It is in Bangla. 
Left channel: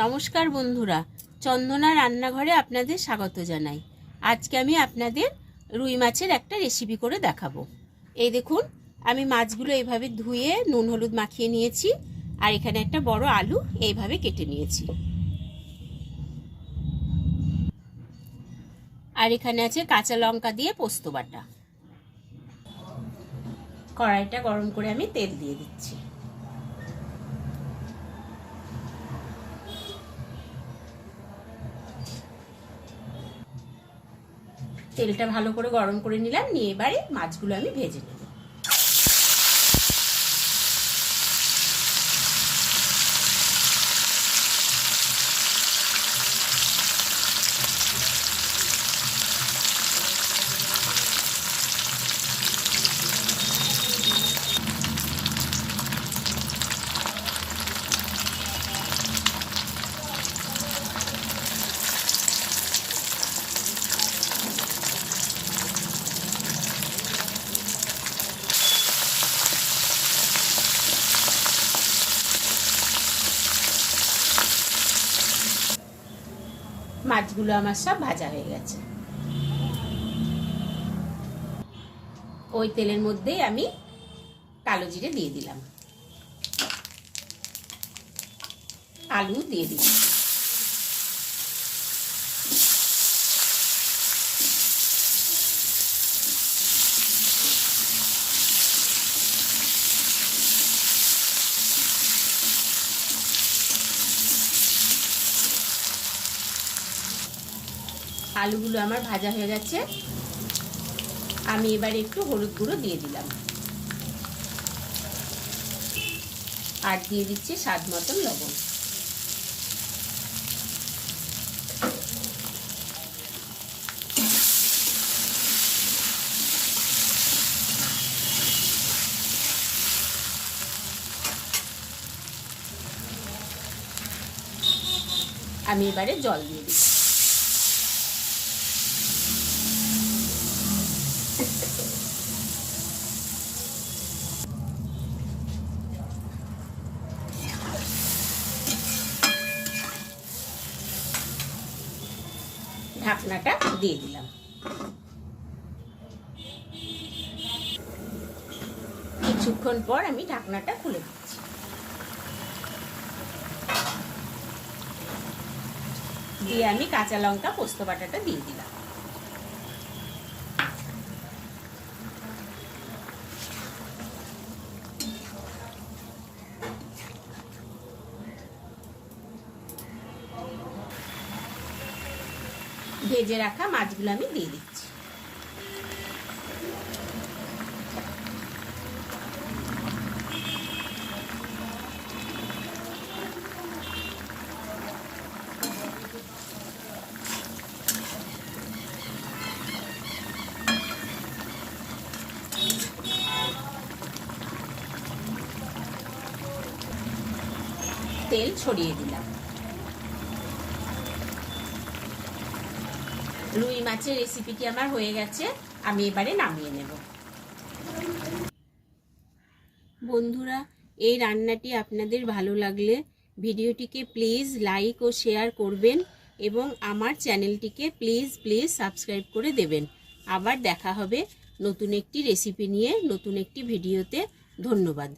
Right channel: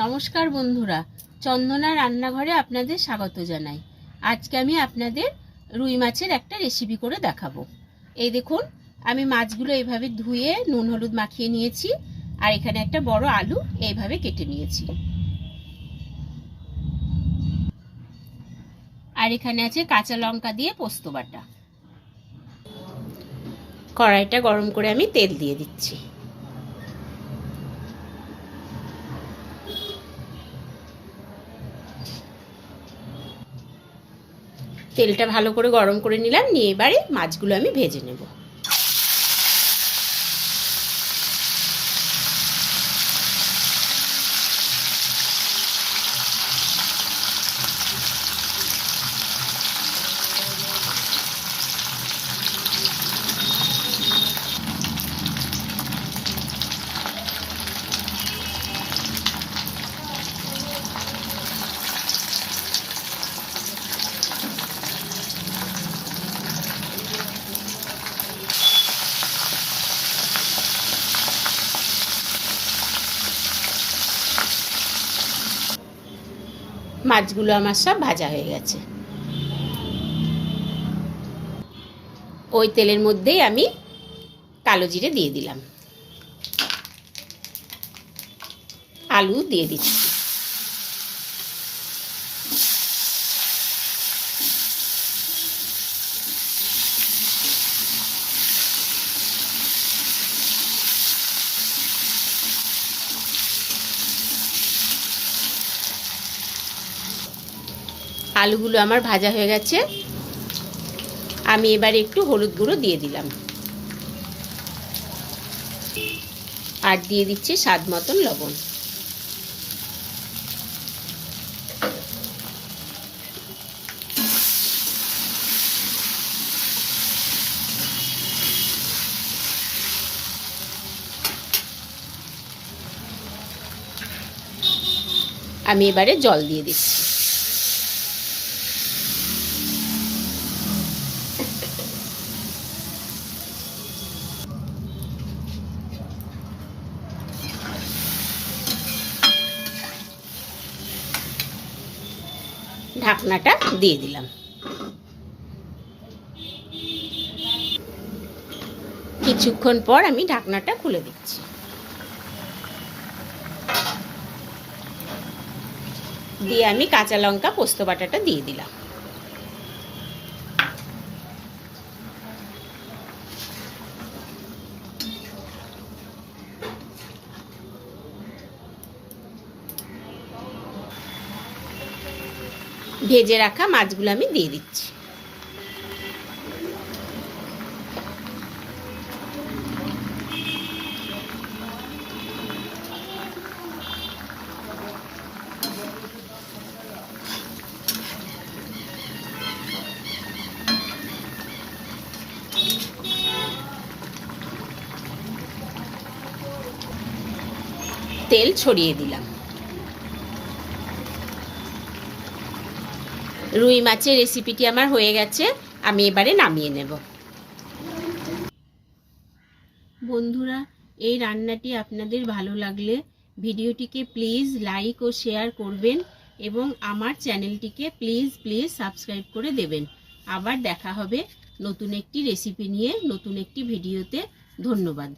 নমস্কার বন্ধুরা, চন্দনা রান্নাঘরে আপনাদের স্বাগত জানাই। আজকে আমি আপনাদের রুই মাছের একটা রেসিপি করে দেখাবো। এই দেখুন, আমি মাছগুলো এইভাবে ধুয়ে নুন হলুদ মাখিয়ে নিয়েছি, আর এখানে একটা বড় আলু এইভাবে কেটে নিয়েছি। আর এখানে আছে কাঁচা লঙ্কা দিয়ে পোস্ত বাটা। কড়াইটা গরম করে আমি তেল দিয়ে দিচ্ছি। তেলটা ভালো করে গরম করে নিলাম, নিয়ে এবারে মাছগুলো আমি ভেজে নেব। মাছগুলো আমার সব ভাজা হয়ে গেছে। ওই তেলের মধ্যেই আমি কালো জিরে দিয়ে দিলাম, আলু দিয়ে দিচ্ছি। আলুগুলো আমার ভাজা হয়ে গেছে। আমি এবারে একটু হলুদ গুঁড়ো দিয়ে দিলাম, আর দিয়ে দিচ্ছি স্বাদ মতন লবণ। আমি এবারে জল দিয়ে দিচ্ছি। ঢাকনাটা দিয়ে দিলাম। কিছুক্ষণ পর আমি ঢাকনাটা খুলে দিচ্ছি। দিয়ে আমি কাঁচা লঙ্কা পোস্ত বাটাটা দিয়ে দিলাম। ভেজে রাখা মাছগুলো আমি দিয়ে দিচ্ছি। তেল ছড়িয়ে দিলাম। রুই মাছের রেসিপিটি আমার হয়ে গেছে, আমি এবারে নামিয়ে নেব। বন্ধুরা, এই রান্নাটি আপনাদের ভালো লাগলে ভিডিওটিকে প্লিজ লাইক ও শেয়ার করবেন, এবং আমার চ্যানেলটিকে প্লিজ সাবস্ক্রাইব করে দেবেন। আবার দেখা হবে নতুন একটি রেসিপি নিয়ে, নতুন একটি ভিডিওতে। ধন্যবাদ।